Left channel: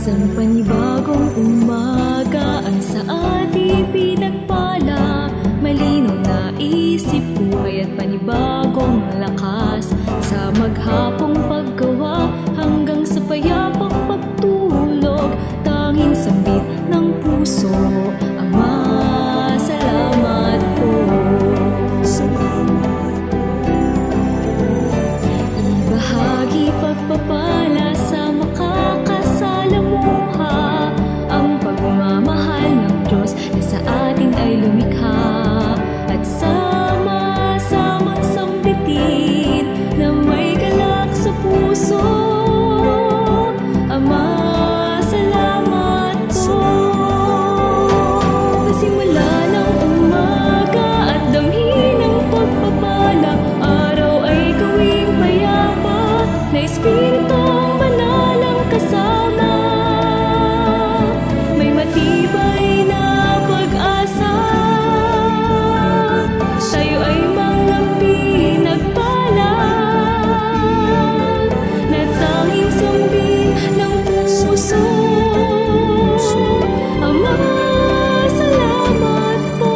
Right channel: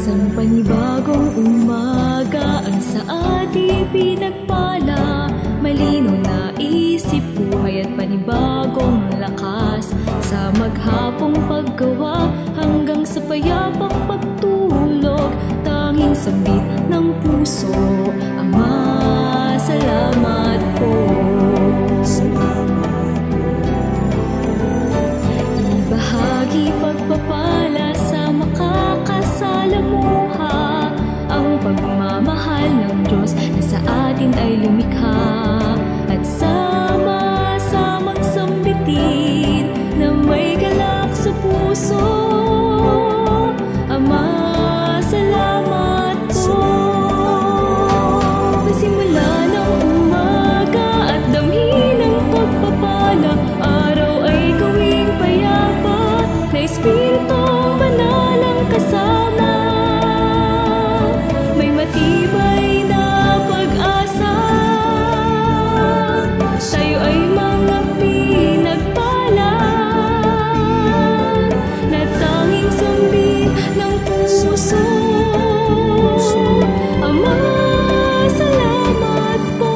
Isang panibagong umaga ang sa ating pinagpala. Malinaw na isip, buhay at panibagong lakas. Sa maghapong paggawa hanggang sa payapang pagtulog, tanging sambit ng puso, Ama, salamat po. Salamat po. Ibahagi pagpapala sa makakasalamuha, ang pagmamahal ng Diyos na sa atin ay lumikha. At sama-samang sambitin na may galak sa puso, Ama, salamat po. Pasimula ng umaga at damhin ng pagpapala, araw ay gawing payapa na Espiritong Banal ang kasama. May matibay na pag-asa, tayo ay mga pinagpala na tanging sambin ng puso, Ama, salamat po.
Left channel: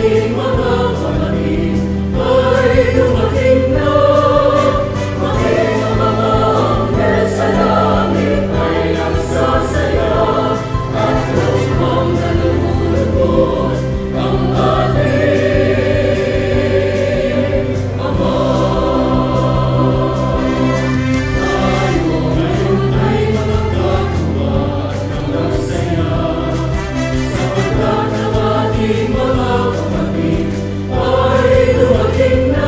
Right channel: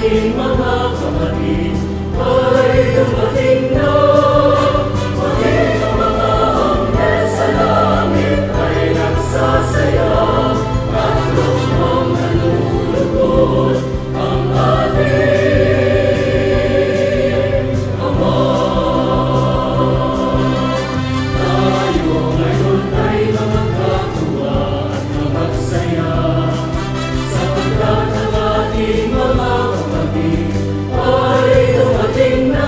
ating mga kapatid ay dumating na. Maging ang mga anghel sa langit ay nagsasaya at lubhang nalulugod ang ating Ama. Tayo ngayon ay mga katuwa at magsaya, sapagkat ang ating mga kapatid ay dumating na.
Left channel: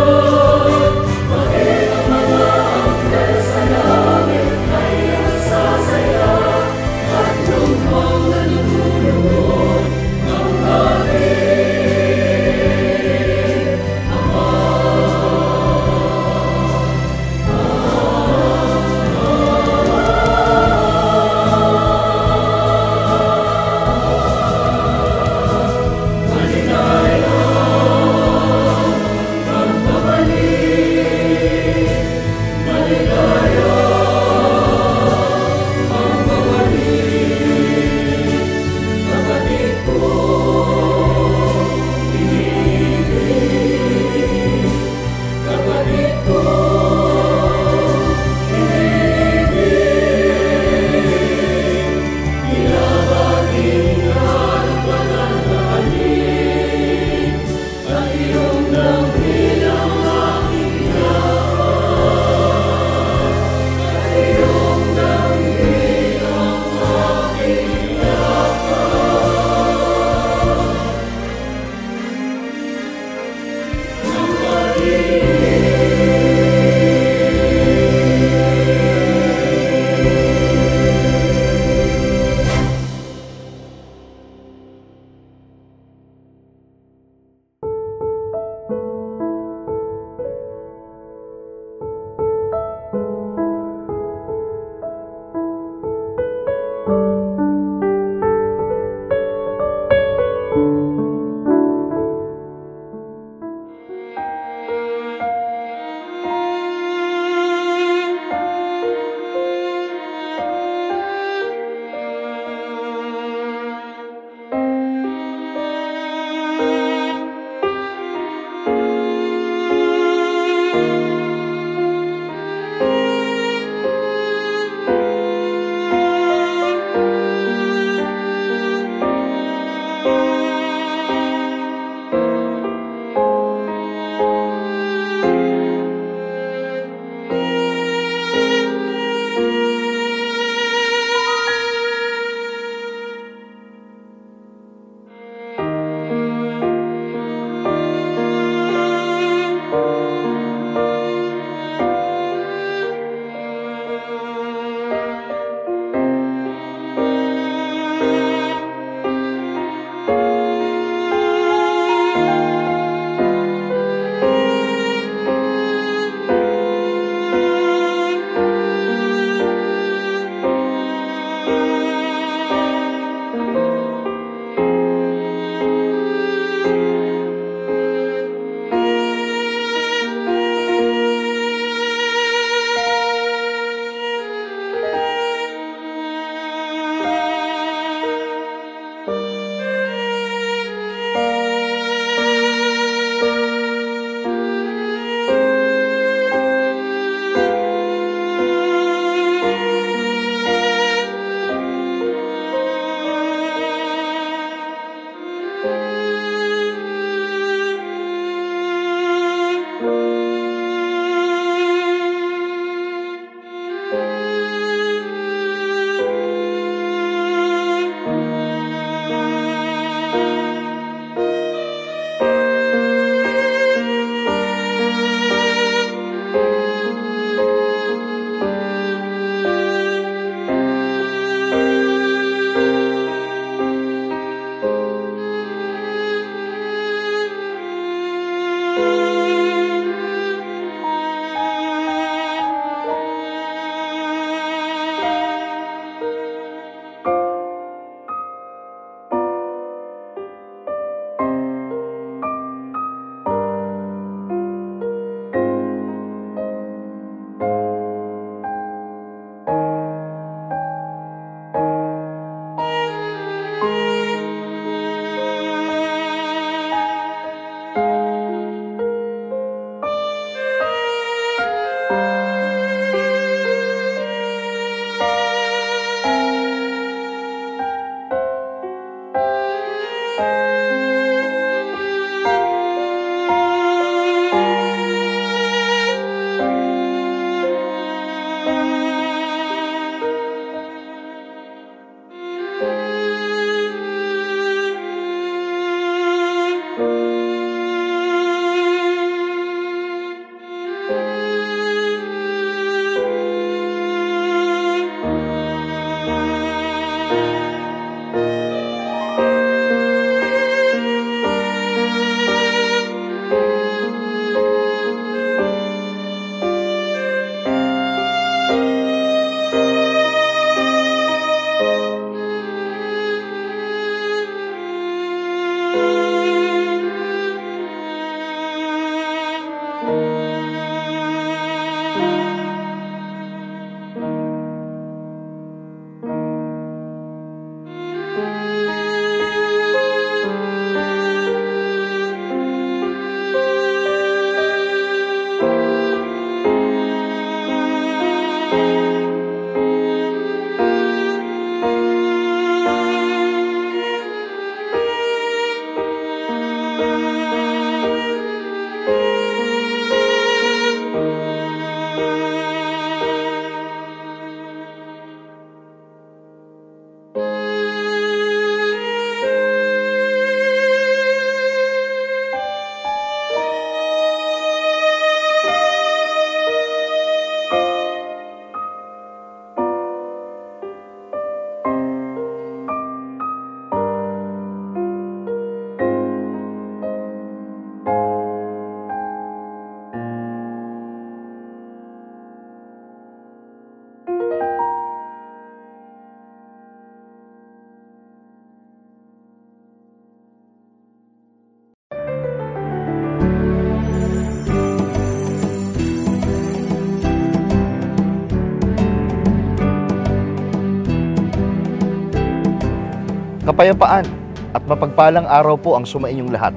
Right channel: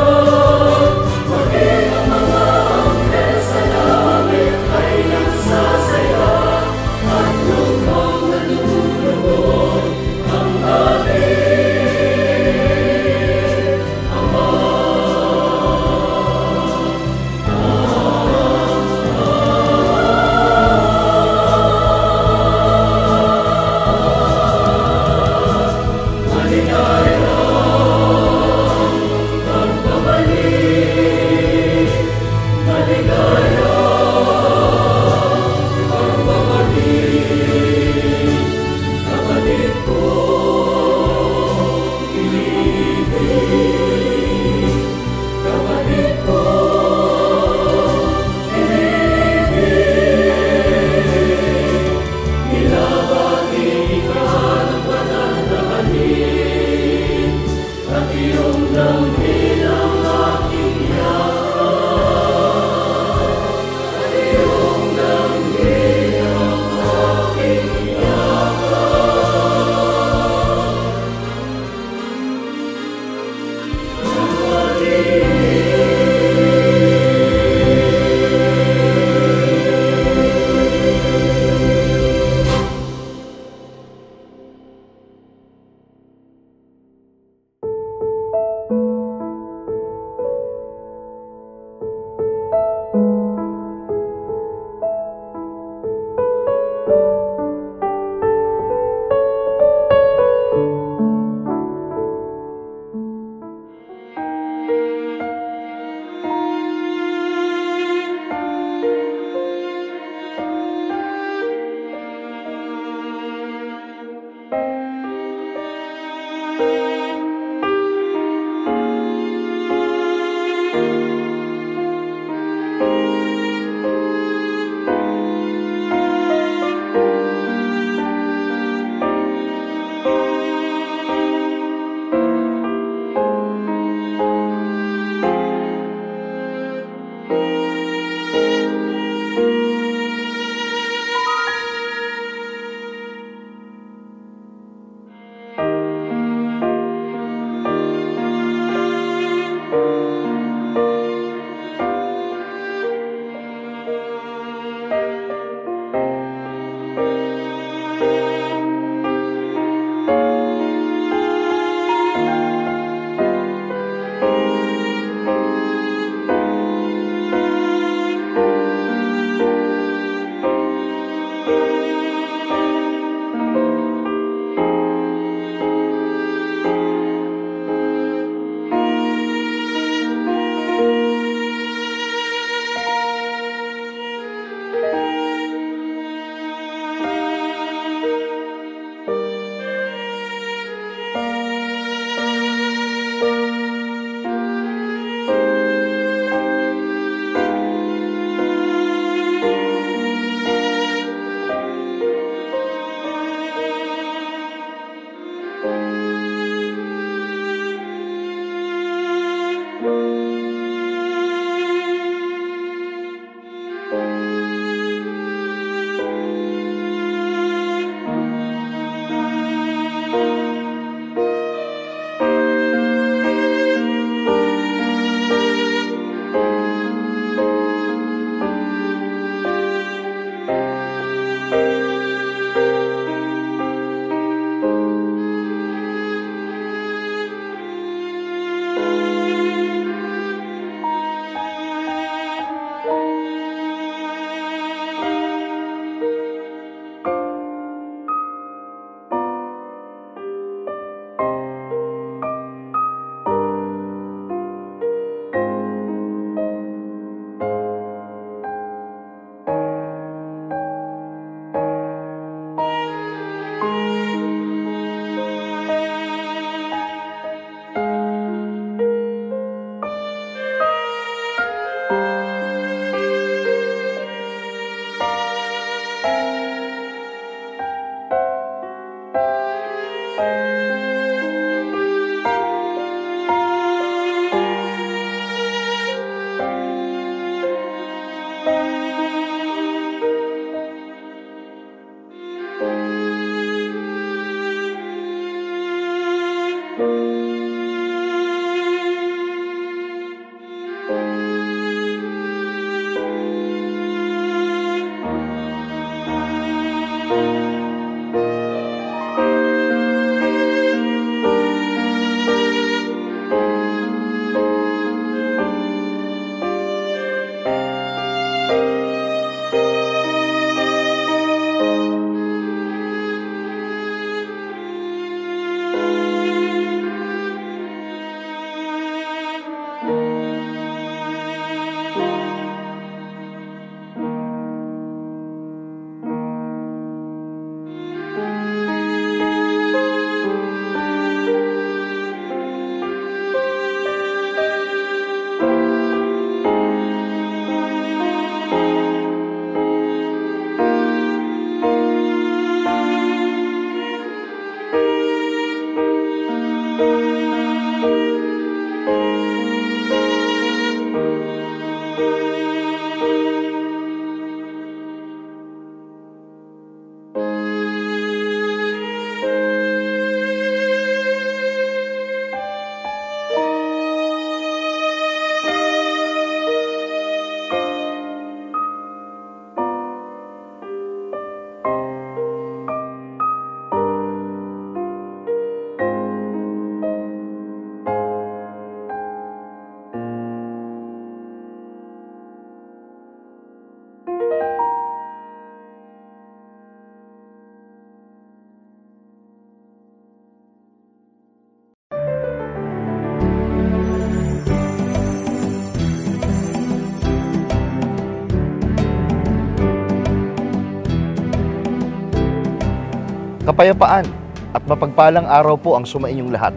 Kapayapaan at mapagpalang araw po ang sumainyong lahat.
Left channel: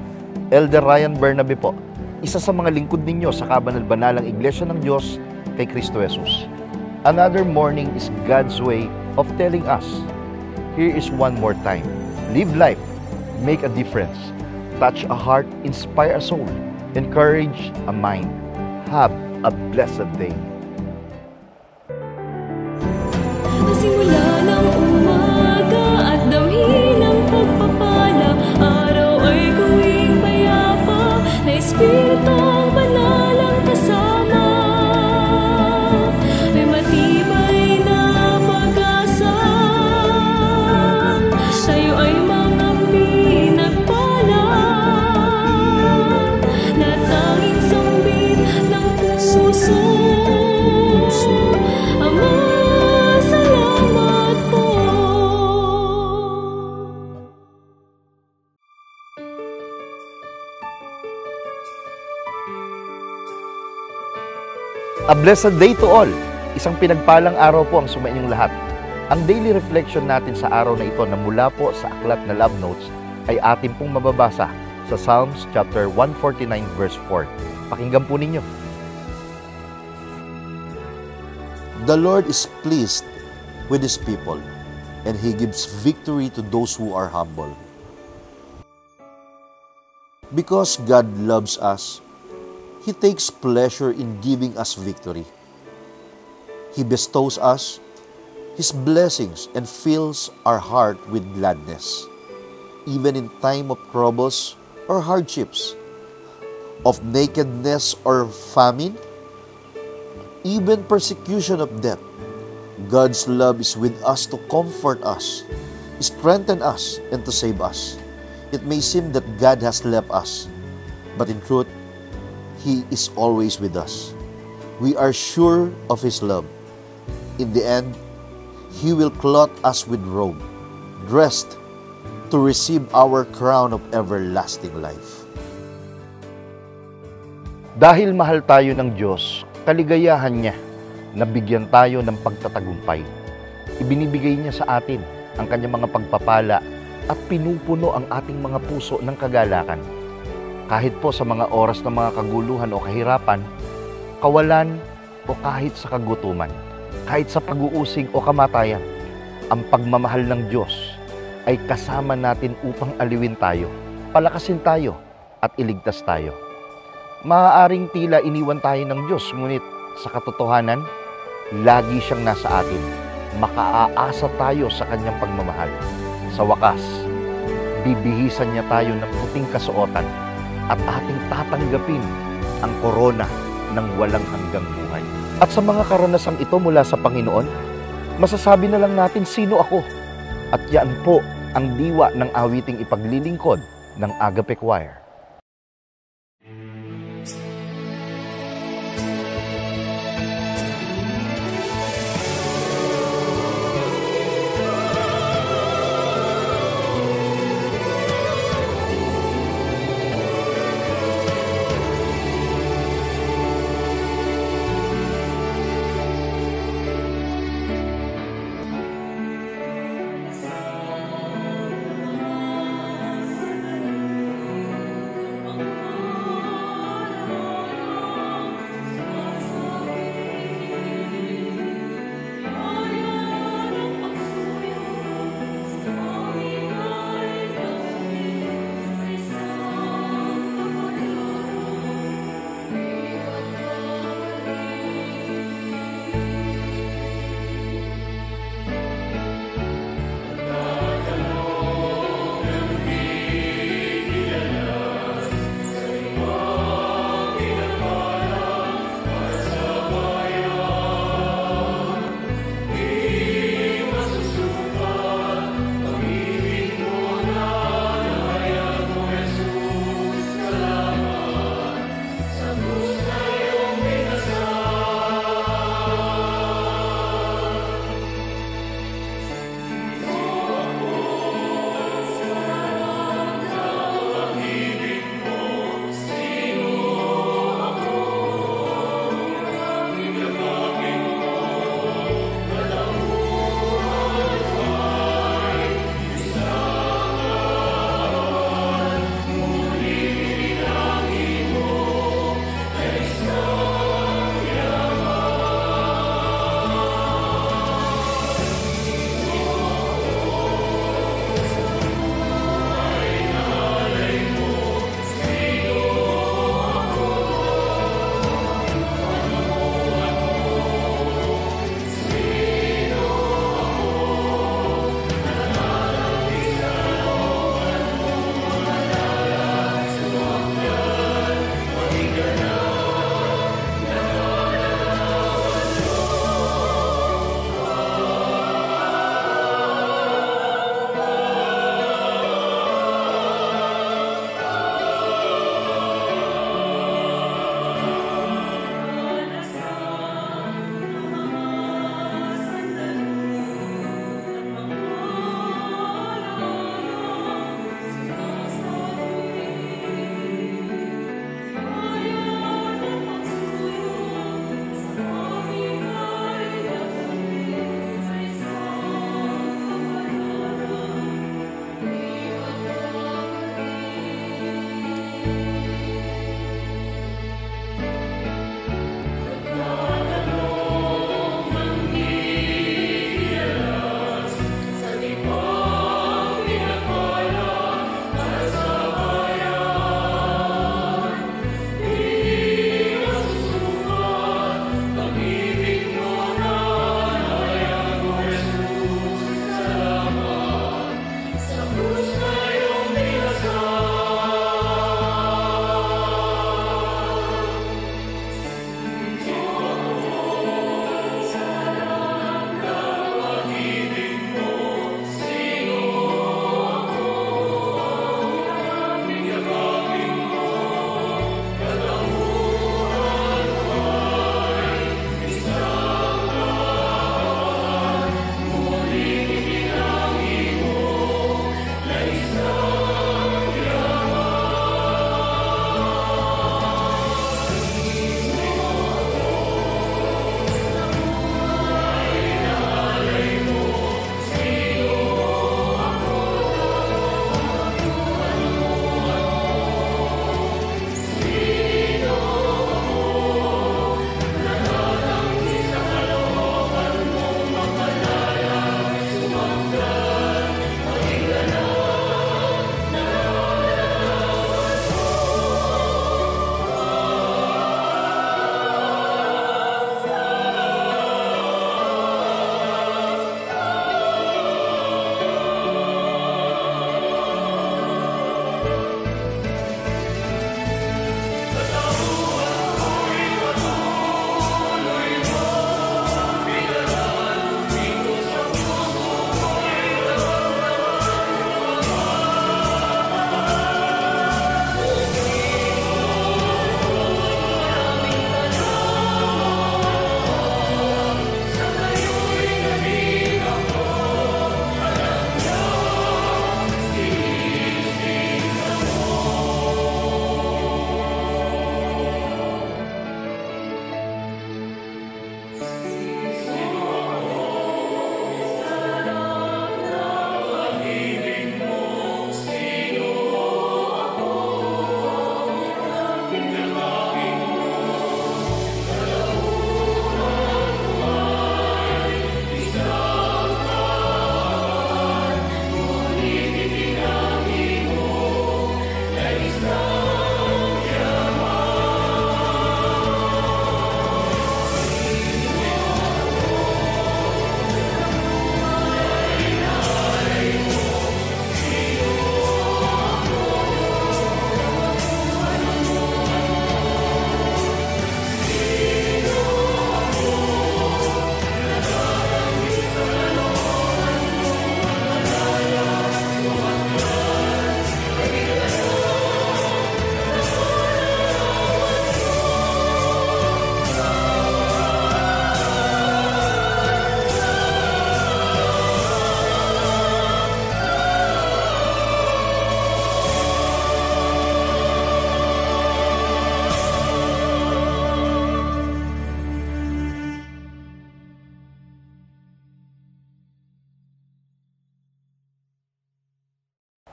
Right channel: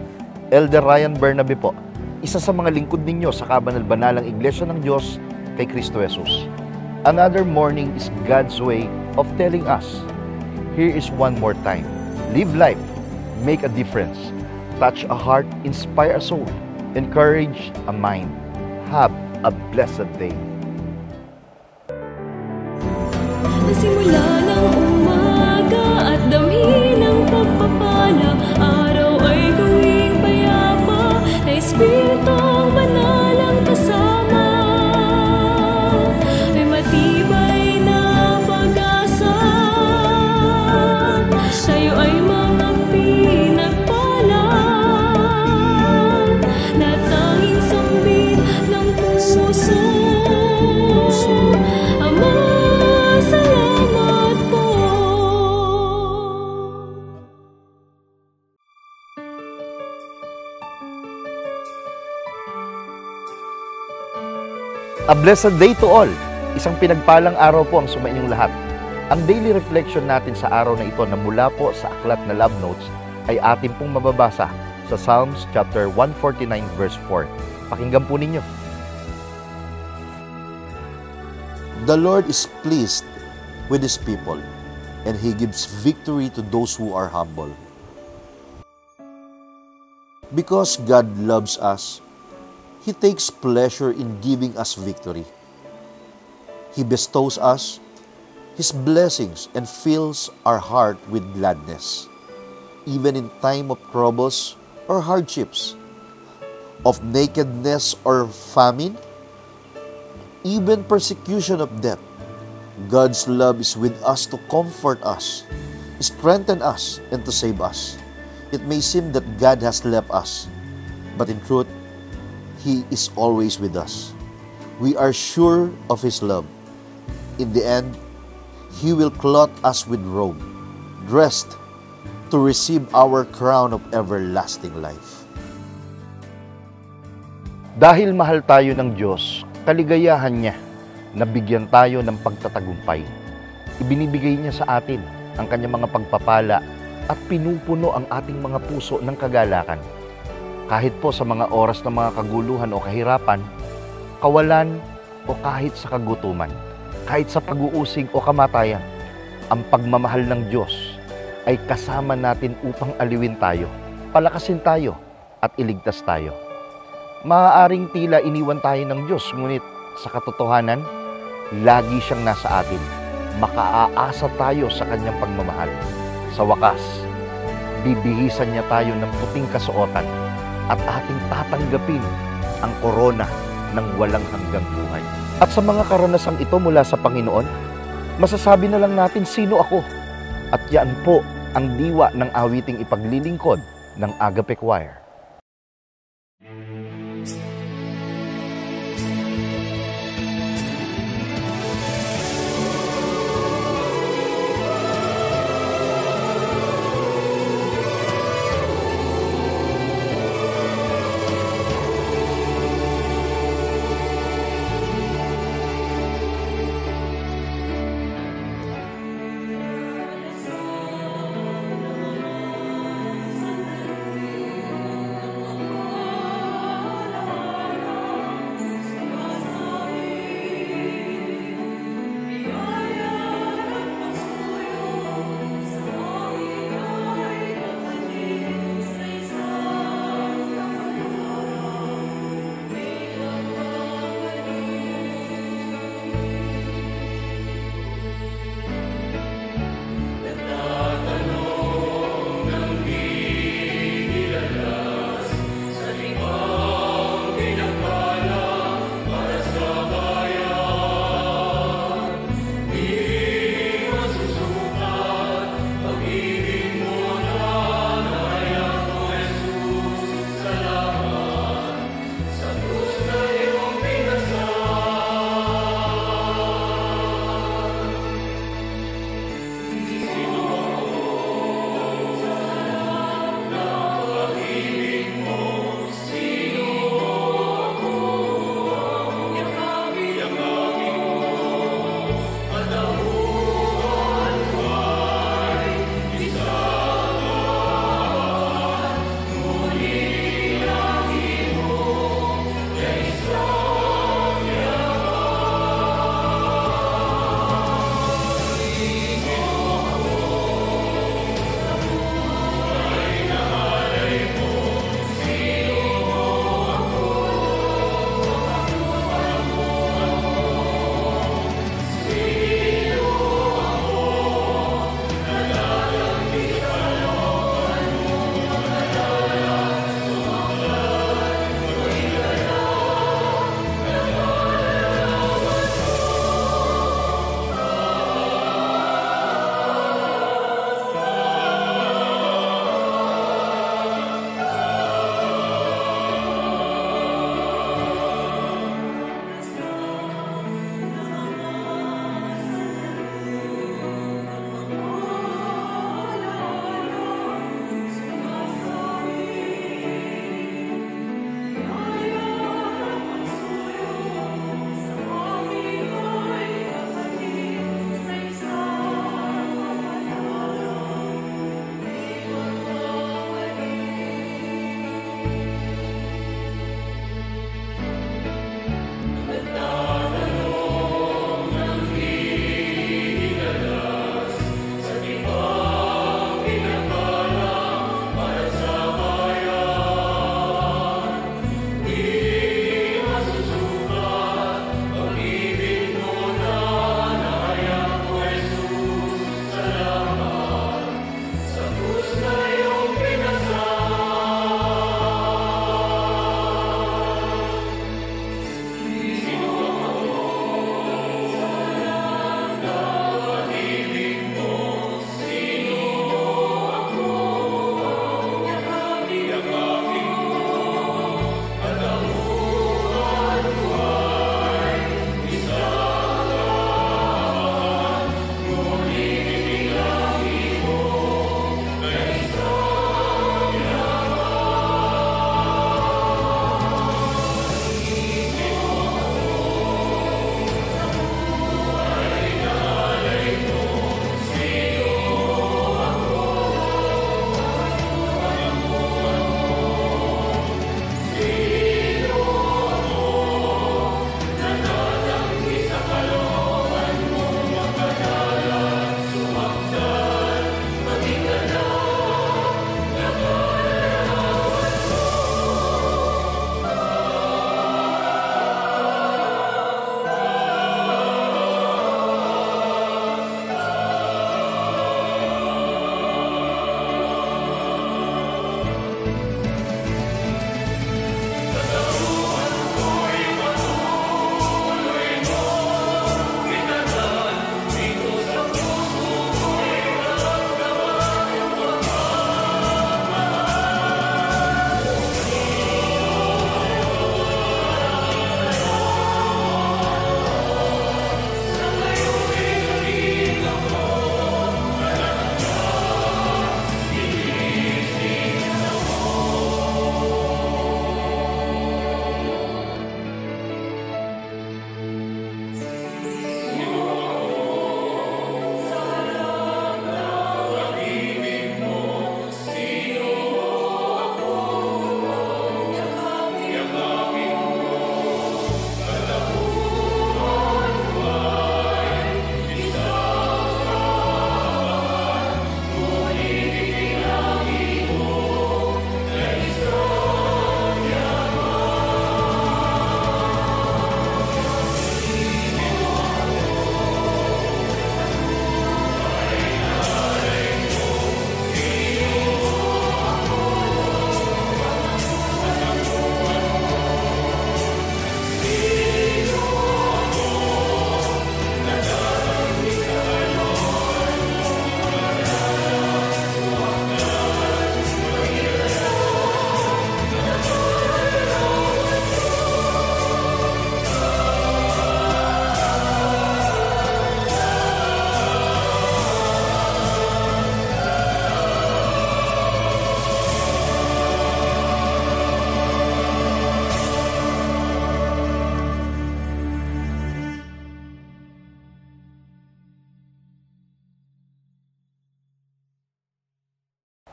Elder Ryan Bernabe po, isa sa mga lingkod ninyo sa kabanal-banalang Iglesia ng Diyos kay Kristo Jesus. Another morning is God's way of telling us, here is one more time. Live life, make a difference, touch a heart, inspire a soul, encourage a mind. Have a blessed day. Simula ng umaga at damhin ng pagpapala, araw ay gawing payapa na Espiritong Banal ang kasama. May matibay na pag-asa, tayo ay mga pinagpala na tanging sambit ng puso. Ama, salamat po. A blessed day to all. Isang pinagpalang araw po ang sumainyong lahat. Ang daily reflection natin sa araw na ito na mula po sa aklat na Love Notes ay atin pong mababasa sa Psalms chapter 149 verse 4. Pakinggan po ninyo. The Lord is pleased with His people, and He gives victory to those who are humble. Because God loves us, He takes pleasure in giving us victory. He bestows us His blessings and fills our heart with gladness, even in time of troubles or hardships, of nakedness or famine, even persecution of death. God's love is with us to comfort us, strengthen us, and to save us. It may seem that God has left us, but in truth, He is always with us. We are sure of His love. In the end, He will clothe us with robe, dressed to receive our crown of everlasting life. Dahil mahal tayo ng Diyos, kaligayahan niya na bigyan tayo ng pagtatagumpay. Ibinibigay niya sa atin ang kanyang mga pagpapala at pinupuno ang ating mga puso ng kagalakan. Kahit po sa mga oras ng mga kaguluhan o kahirapan, kawalan o kahit sa kagutuman, kahit sa pag-uusig o kamatayan, ang pagmamahal ng Diyos ay kasama natin upang aliwin tayo, palakasin tayo at iligtas tayo. Maaaring tila iniwan tayo ng Diyos, ngunit sa katotohanan, lagi siyang nasa atin. Makaaasa tayo sa kanyang pagmamahal. Sa wakas, bibihisan niya tayo ng puting kasuotan at ating tatanggapin ang korona ng walang hanggang buhay. At sa mga karanasang ito mula sa Panginoon, masasabi na lang natin sino ako. At yan po ang diwa ng awiting ipaglilingkod ng Agape Choir.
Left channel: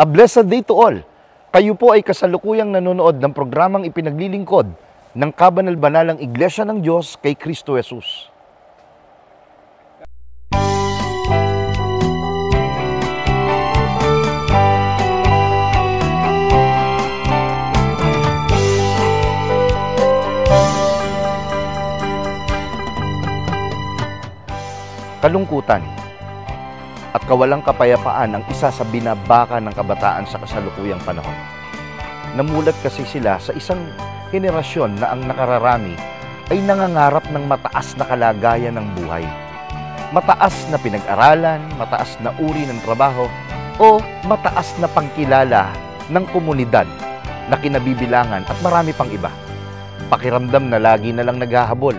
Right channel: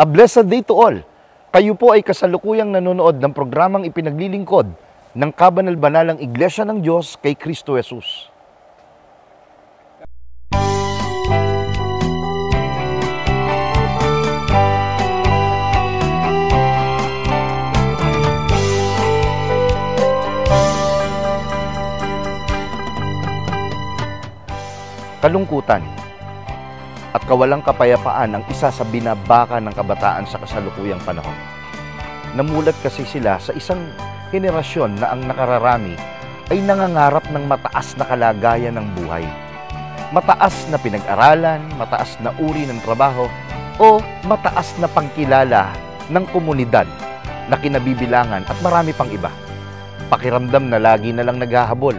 A blessed day to all! Kayo po ay kasalukuyang nanonood ng programang ipinaglilingkod ng Kabanal-Banalang Iglesia ng Diyos kay Kristo Jesus. Kalungkutan at kawalang kapayapaan ang isa sa binabaka ng kabataan sa kasalukuyang panahon. Namulat kasi sila sa isang henerasyon na ang nakararami ay nangangarap ng mataas na kalagayan ng buhay. Mataas na pinag-aralan, mataas na uri ng trabaho, o mataas na pangkilala ng komunidad na kinabibilangan at marami pang iba. Pakiramdam na lagi na lang naghahabol.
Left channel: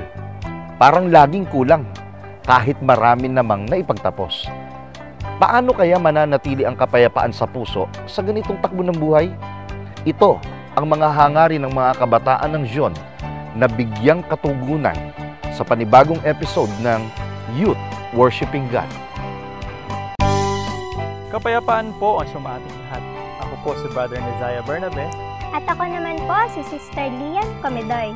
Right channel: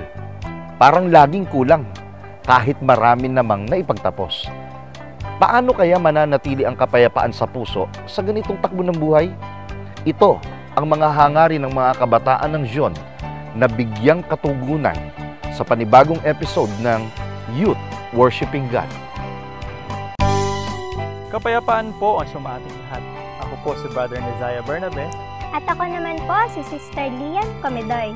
Parang laging kulang, kahit marami namang naipagtapos. Paano kaya mananatili ang kapayapaan sa puso sa ganitong takbo ng buhay? Ito ang mga hangarin ng mga kabataan ng Zion na bigyang katugunan sa panibagong episode ng Youth Worshiping God. Kapayapaan po ang sumating lahat. Ako po si Brother Nezaya Bernabe. At ako naman po si Sister Lian Comedoy.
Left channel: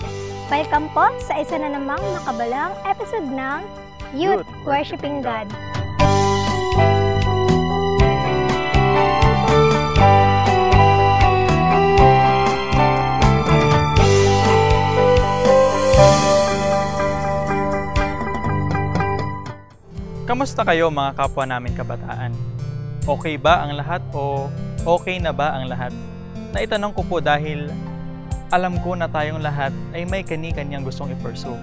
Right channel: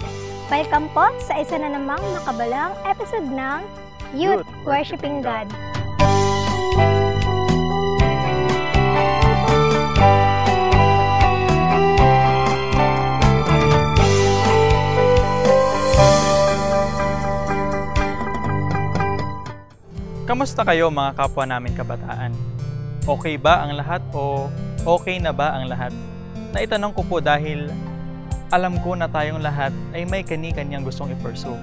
Welcome po sa isa na namang makabalang episode ng Youth Worshiping God. Kamusta kayo mga kapwa namin kabataan? Okay ba ang lahat o okay na ba ang lahat? Naitanong ko po dahil alam ko na tayong lahat ay may kani-kanyang gustong i-pursue.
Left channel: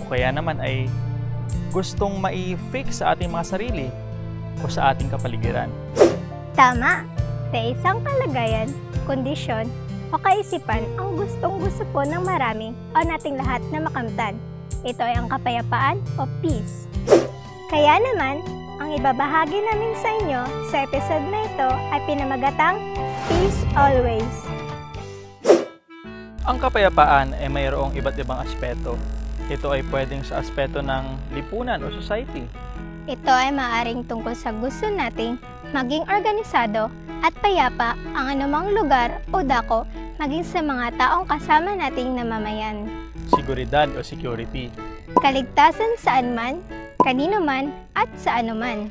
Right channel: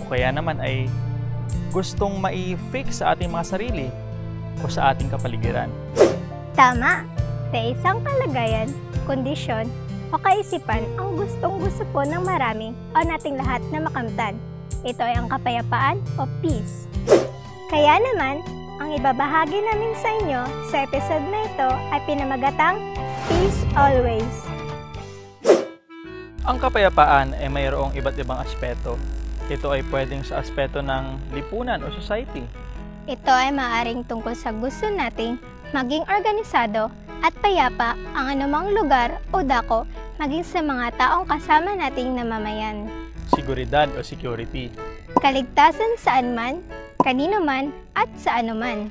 O kaya naman ay gustong mai-fix sa ating mga sarili o sa ating kapaligiran. Tama! Sa isang kalagayan, kondisyon o kaisipan ang gustong-gusto po ng marami o nating lahat na makamtan. Ito ay ang kapayapaan o peace. Kaya naman, ang ibabahagi namin sa inyo sa episode na ito ay pinamagatang Peace Always. Ang kapayapaan ay mayroong iba't ibang aspeto. Ito ay pwedeng sa aspeto ng lipunan o society. Ito ay maaaring tungkol sa gusto nating maging organisado at payapa ang anumang lugar o dako maging sa mga taong kasama nating namamayan. Seguridad o security. Kaligtasan saan man, kanino man at sa ano man.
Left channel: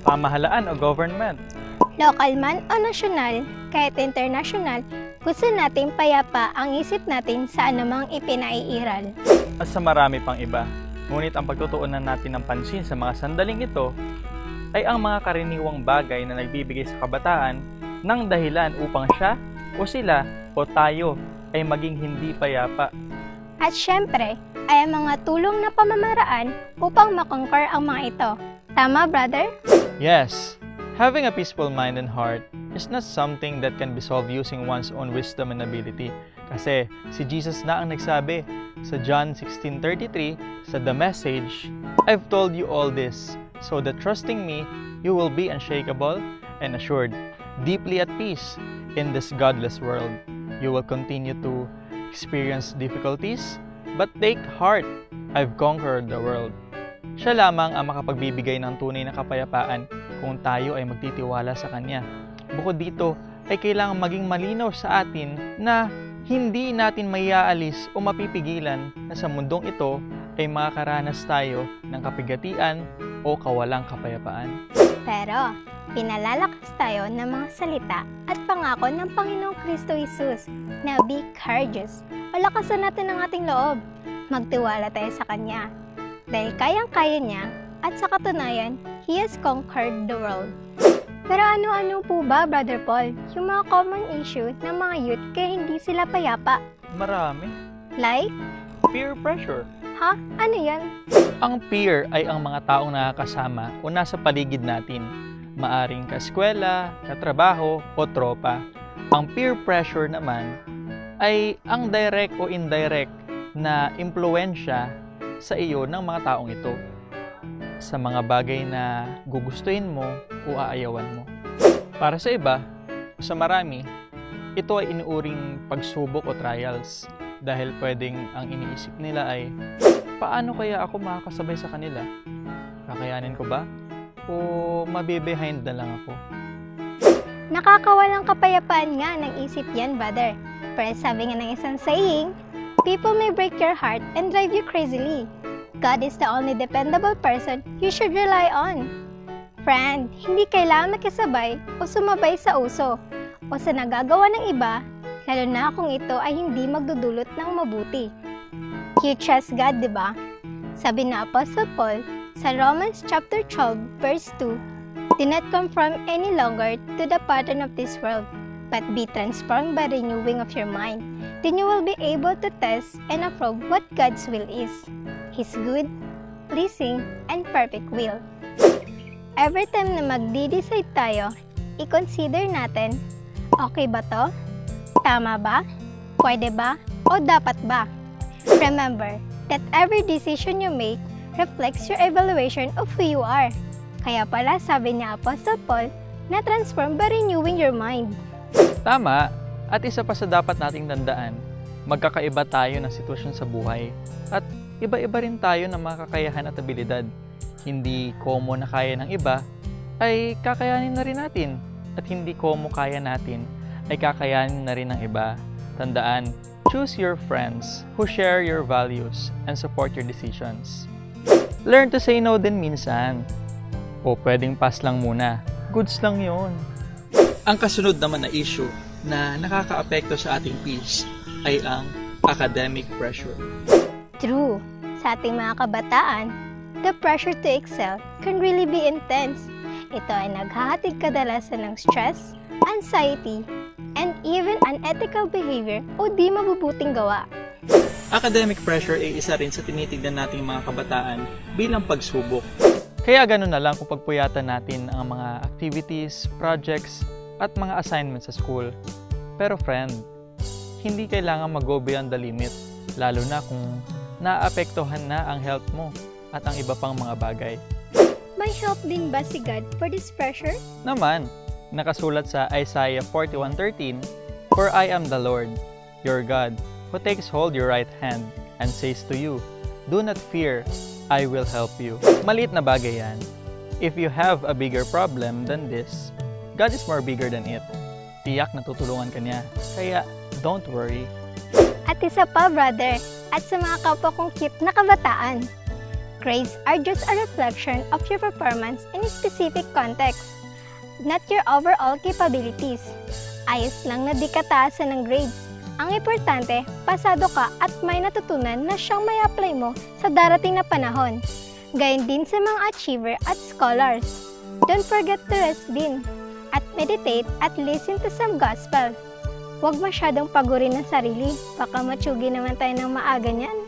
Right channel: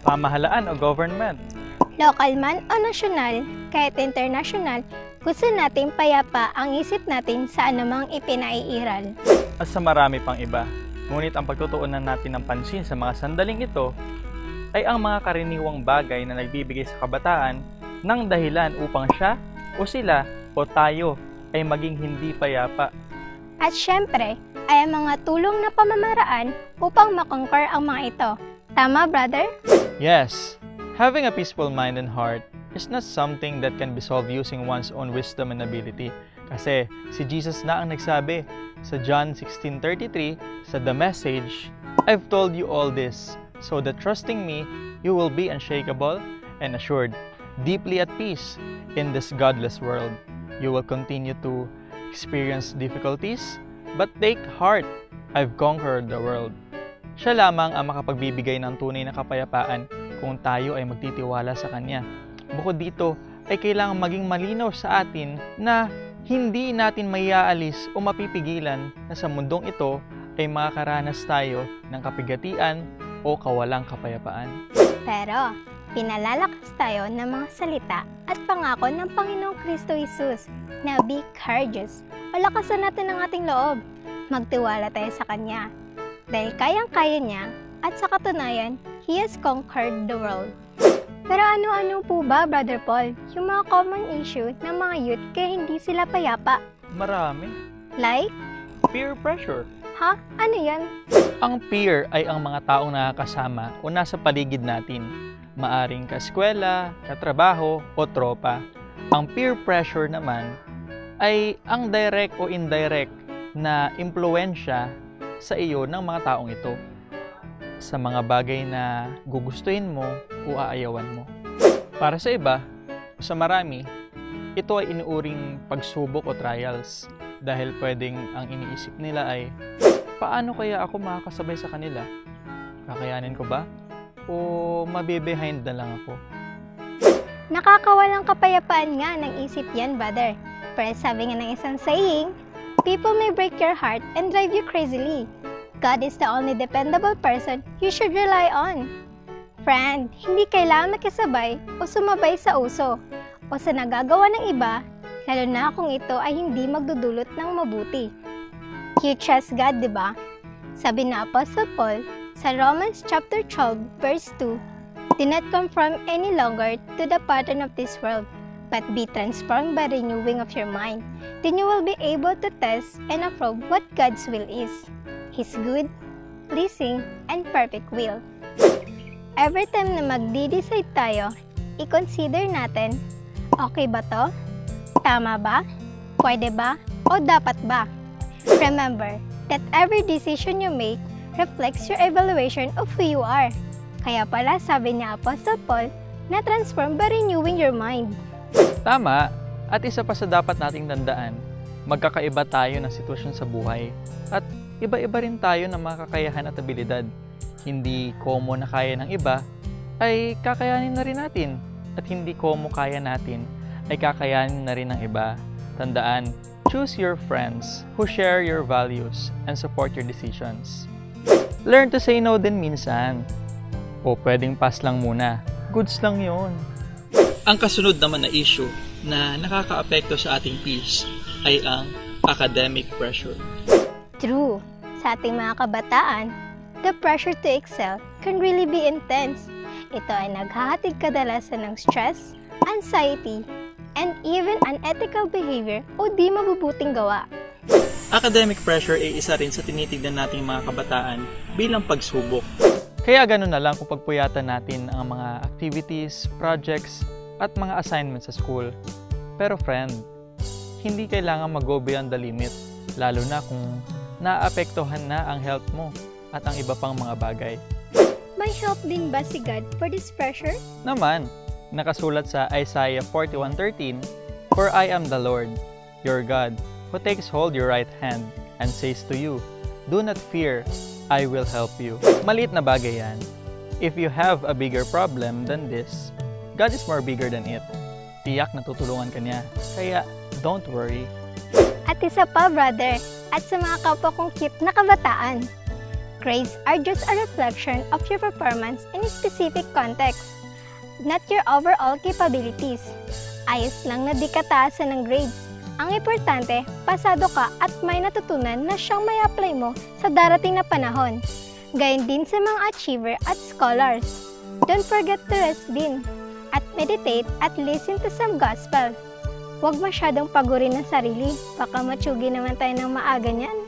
Pamahalaan o government. Lokal man o nasyonal, kahit internasyonal, gusto nating payapa ang isip natin sa anumang ipinaiiral. At sa marami pang iba. Ngunit ang pagtutuunan natin ng pansin sa mga sandaling ito ay ang mga karaniwang bagay na nagbibigay sa kabataan ng dahilan upang siya o sila o tayo ay maging hindi payapa. At syempre, ay ang mga tulong na pamamaraan upang makonquer ang mga ito. Tama, brother? Yes, having a peaceful mind and heart is not something that can be solved using one's own wisdom and ability. Kasi si Jesus na ang nagsabi sa John 16:33 sa The Message, I've told you all this, so that trusting me, you will be unshakable and assured, deeply at peace in this godless world. You will continue to experience difficulties, but take heart, I've conquered the world. Siya lamang ang makapagbibigay ng tunay na kapayapaan kung tayo ay magtitiwala sa Kanya. Bukod dito, ay kailangang maging malinaw sa atin na hindi natin maiaalis o mapipigilan na sa mundong ito ay makakaranas tayo ng kapigatian o kawalang kapayapaan. Pero, Pinalalakas tayo ng mga salita at pangako ng Panginoong Kristo Jesus na be courageous o lakasan natin ang ating loob. Magtiwala tayo sa Kanya dahil kayang-kaya niya at sa katunayan, He has conquered the world. Pero ano-ano po ba, Brother Paul, yung mga common issue ng mga youth kaya hindi sila payapa? Marami. Like? Peer pressure. Ha? Ano yan? Ang peer ay ang mga taong nakakasama o nasa paligid natin. Maaring kaskwela, katrabaho, o tropa. Ang peer pressure naman ay ang direct o indirect na impluwensya sa iyo ng mga taong ito sa mga bagay na gugustuhin mo o aayawan mo. Para sa iba, o sa marami, ito ay inuuring pagsubok o trials dahil pwedeng ang iniisip nila ay, paano kaya ako makakasabay sa kanila? Kakayanin ko ba? O mabe-behind na lang ako? Nakakawalang kapayapaan nga ng isip yan, brother. Pero sabi nga ng isang saying, people may break your heart and drive you crazily. God is the only dependable person you should rely on. Friend, hindi kailangan makisabay o sumabay sa uso o sa nagagawa ng iba, lalo na kung ito ay hindi magdudulot ng mabuti. You trust God, di ba? Sabi na Apostle Paul sa Romans chapter 12 verse 2, do not conform any longer to the pattern of this world, but be transformed by the renewing of your mind. Then you will be able to test and approve what God's will is, His good, pleasing, and perfect will. Every time na magdi-decide tayo, i-consider natin, okay ba to? Tama ba? Pwede ba? O dapat ba? Remember that every decision you make reflects your evaluation of who you are. Kaya pala sabi ni Apostle Paul na transform by renewing your mind. Tama, at isa pa sa dapat nating tandaan, magkakaiba tayo ng sitwasyon sa buhay at iba-iba rin tayo ng mga kakayahan at abilidad. Hindi komo na kaya ng iba ay kakayanin na rin natin at hindi komo kaya natin ay kakayanin na rin ng iba. Tandaan, choose your friends who share your values and support your decisions. Learn to say no din minsan. O pwedeng pass lang muna. Goods lang yon. Ang kasunod naman na issue na nakakaapekto sa ating peace ay ang academic pressure. True. Sa ating mga kabataan, the pressure to excel can really be intense. Ito ay naghahatid kadalasan ng stress, anxiety, and even unethical behavior o di mabubuting gawa. Academic pressure ay isa rin sa tinitignan nating mga kabataan bilang pagsubok. Kaya gano'n na lang kung pagpuyatan natin ang mga activities, projects, at mga assignments sa school. Pero friend, hindi kailangan mag-go beyond the limit, lalo na kung naapektuhan na ang health mo at ang iba pang mga bagay. May help din ba si God for this pressure? Naman, nakasulat sa Isaiah 41:13, "For I am the Lord, your God, who takes hold your right hand and says to you, do not fear, I will help you." Maliit na bagay yan. If you have a bigger problem than this, God is more bigger than it. Tiyak na tutulungan ka niya. Kaya, don't worry. At isa pa, brother, at sa mga kapwa kong cute na kabataan, grades are just a reflection of your performance in a specific context, not your overall capabilities. Ayos lang na di kataasan ng grades. Ang importante, pasado ka at may natutunan na siyang may apply mo sa darating na panahon. Gayon din sa mga achiever at scholars. Don't forget to rest din at meditate at listen to some gospel. Huwag masyadong pagurin ng sarili, baka matsugi naman tayo ng maaga niyan.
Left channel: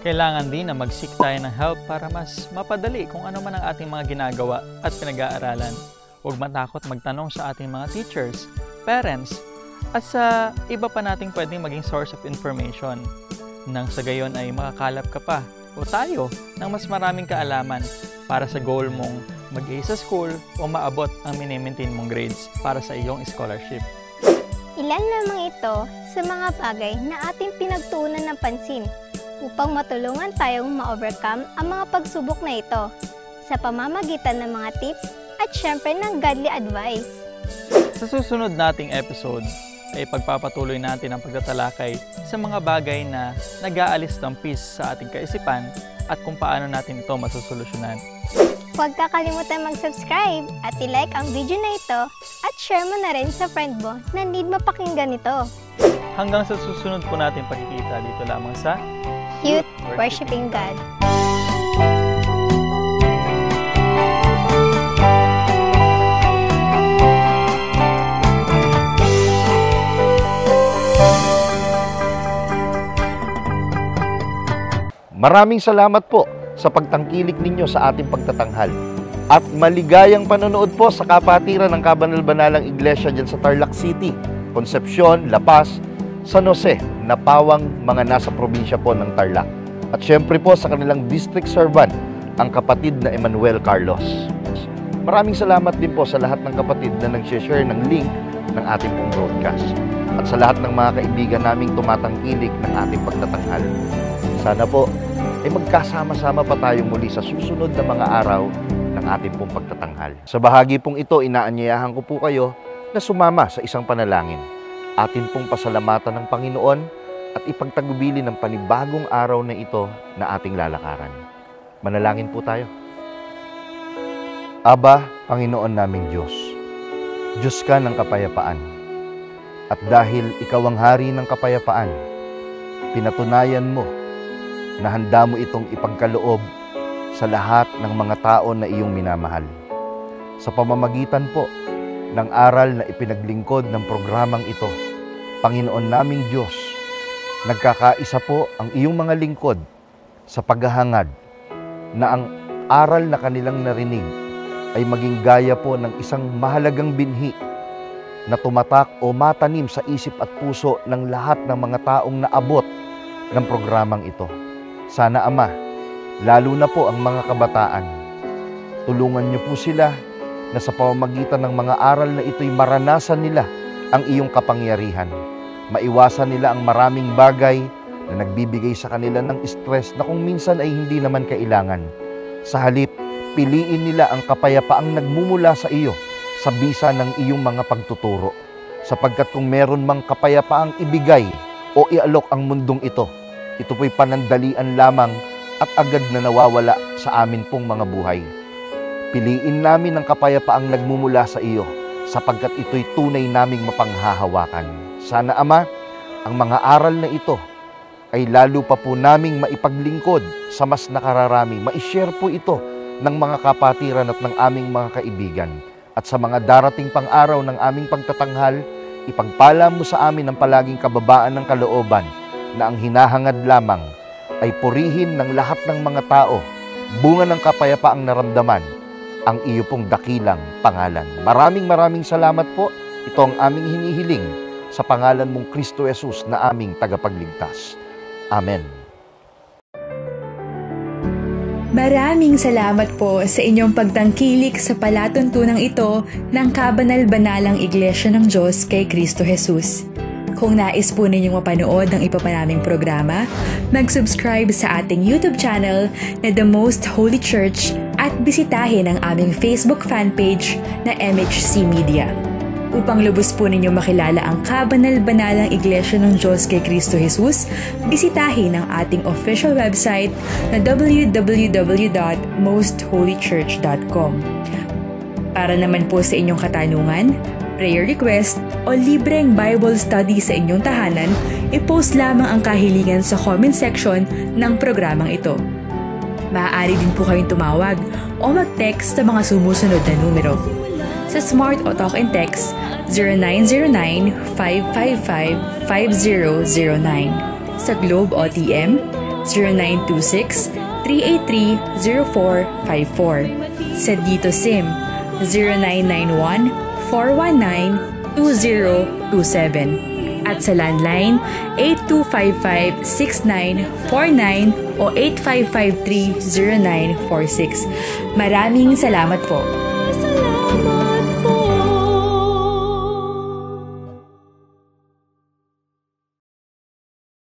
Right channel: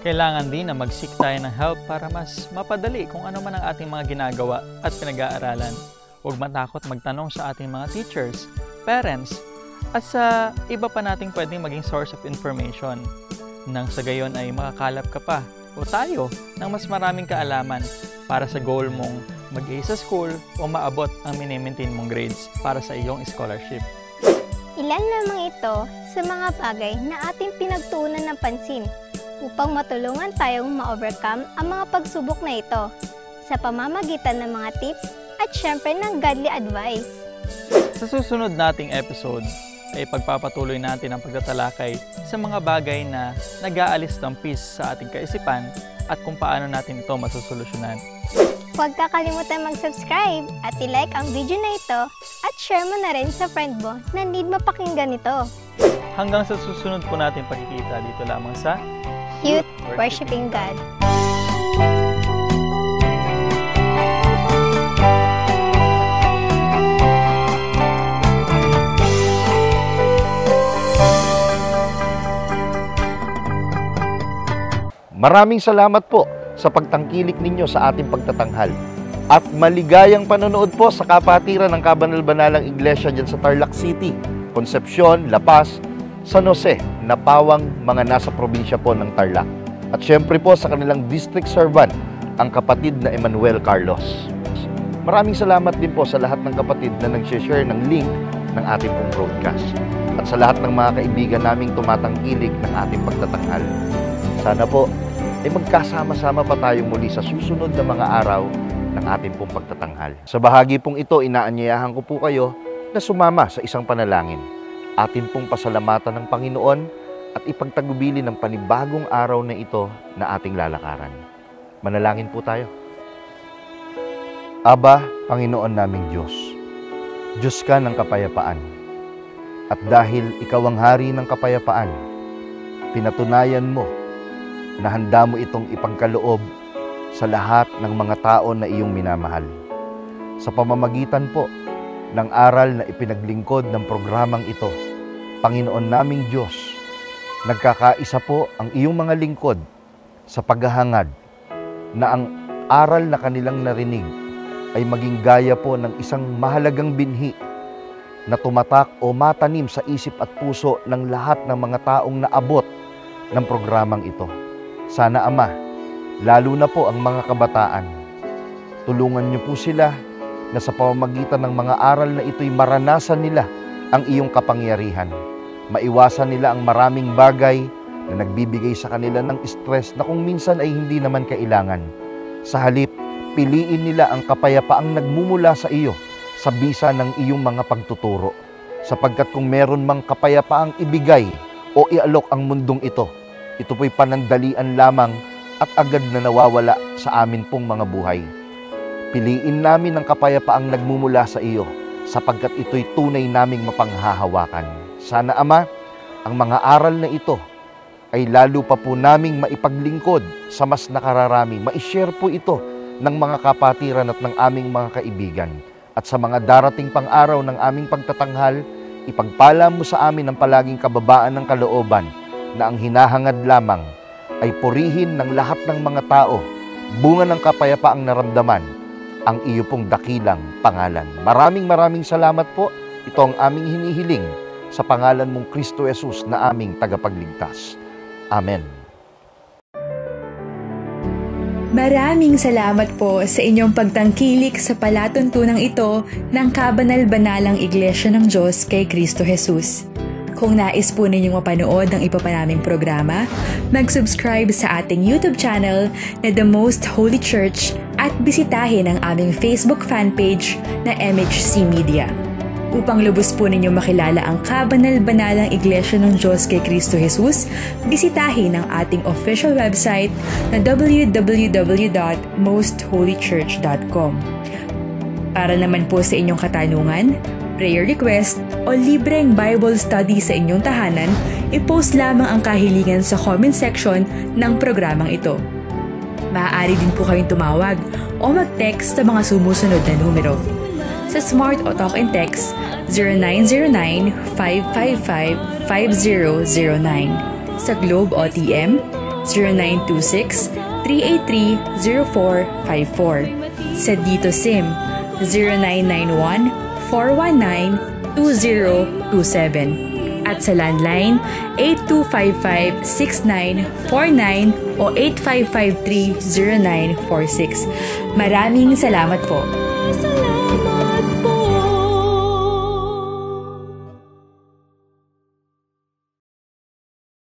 Kailangan din na mag-seek tayo ng help para mas mapadali kung ano man ang ating mga ginagawa at pinag-aaralan. Huwag matakot magtanong sa ating mga teachers, parents, at sa iba pa nating pwedeng maging source of information. Nang sa gayon ay makakalap ka pa o tayo ng mas maraming kaalaman para sa goal mong mag-A sa school o maabot ang mini-maintain mong grades para sa iyong scholarship. Ilan lamang ito sa mga bagay na ating pinagtuunan ng pansin upang matulungan tayong ma-overcome ang mga pagsubok na ito sa pamamagitan ng mga tips at syempre ng godly advice. Sa susunod nating episode ay pagpapatuloy natin ang pagtatalakay sa mga bagay na nag-aalis ng peace sa ating kaisipan at kung paano natin ito masusolusyonan. Huwag kakalimutan mag-subscribe at i-like ang video na ito at share mo na rin sa friend mo na need mapakinggan ito. Hanggang sa susunod po natin pagkikita dito lamang sa Youth Worshiping God. Maraming salamat po sa pagtangkilik ninyo sa ating pagtatanghal. At maligayang panonood po sa kapatiran ng Kabanal-Banalang Iglesia dyan sa Tarlac City, Concepcion, La Paz, San Jose, Napawang, mga nasa probinsya po ng Tarlac. At syempre po sa kanilang district servant, ang kapatid na Emmanuel Carlos. Maraming salamat din po sa lahat ng kapatid na nag-share ng link ng ating pong broadcast. At sa lahat ng mga kaibigan naming tumatangkilik ng ating pagtatanghal. Sana po ay magkasama-sama pa tayong muli sa susunod na mga araw ng ating pong pagtatanghal. Sa bahagi pong ito, inaanyayahan ko po kayo na sumama sa isang panalangin. Atin pong pasalamatan ng Panginoon at ipagtagubili ng panibagong araw na ito na ating lalakaran. Manalangin po tayo. Aba, Panginoon naming Diyos, Diyos ka ng kapayapaan. At dahil ikaw ang hari ng kapayapaan, pinatunayan mo na handa mo itong ipagkaloob sa lahat ng mga tao na iyong minamahal. Sa pamamagitan po ng aral na ipinaglingkod ng programang ito, Panginoon naming Diyos, nagkakaisa po ang iyong mga lingkod sa paghahangad na ang aral na kanilang narinig ay maging gaya po ng isang mahalagang binhi na tumatak o matanim sa isip at puso ng lahat ng mga taong naabot ng programang ito. Sana, Ama, lalo na po ang mga kabataan, tulungan niyo po sila na sa pamamagitan ng mga aral na ito'y maranasan nila ang iyong kapangyarihan. Maiwasan nila ang maraming bagay na nagbibigay sa kanila ng stress na kung minsan ay hindi naman kailangan. Sa halip, piliin nila ang kapayapaang nagmumula sa iyo sa bisa ng iyong mga pagtuturo. Sapagkat kung meron mang kapayapaang ibigay o ialok ang mundong ito po'y panandalian lamang at agad na nawawala sa amin pong mga buhay. Piliin namin ang kapayapaang nagmumula sa iyo sapagkat ito'y tunay naming mapanghahawakan. Sana, Ama, ang mga aral na ito ay lalo pa po naming maipaglingkod sa mas nakararami. Ma-share po ito ng mga kapatiran at ng aming mga kaibigan. At sa mga darating pang araw ng aming pagtatanghal, ipagpala mo sa amin ang palaging kababaan ng kalooban na ang hinahangad lamang ay purihin ng lahat ng mga tao, bunga ng kapayapaang naramdaman, ang iyo pong dakilang pangalan. Maraming salamat po. Ito ang aming hinihiling sa pangalan mong Kristo Jesus na aming tagapagligtas. Amen. Maraming salamat po sa inyong pagtangkilik sa palatuntunang ito ng Kabanal-Banalang Iglesia ng Diyos kay Kristo Jesus. Kung nais po ninyong mapanood ng iba pa naming programa, mag-subscribe sa ating YouTube channel na The Most Holy Church at bisitahin ang aming Facebook fanpage na MHC Media. Upang lubos po ninyong makilala ang Kabanal-Banalang Iglesia ng Diyos kay Kristo Jesus, bisitahin ang ating official website na www.mostholychurch.com. Para naman po sa inyong katanungan, prayer request, o libreng Bible study sa inyong tahanan, i-post lamang ang kahilingan sa comment section ng programang ito. Maaari din po kayong tumawag o mag-text sa mga sumusunod na numero. Sa Smart o Talk and Text, 0909-555-5009. Sa Globe o TM, 0926-383-0454. Sa Dito SIM, 0991-419-2027. At sa landline, 8255-6949 o 8553-0946. Maraming salamat po.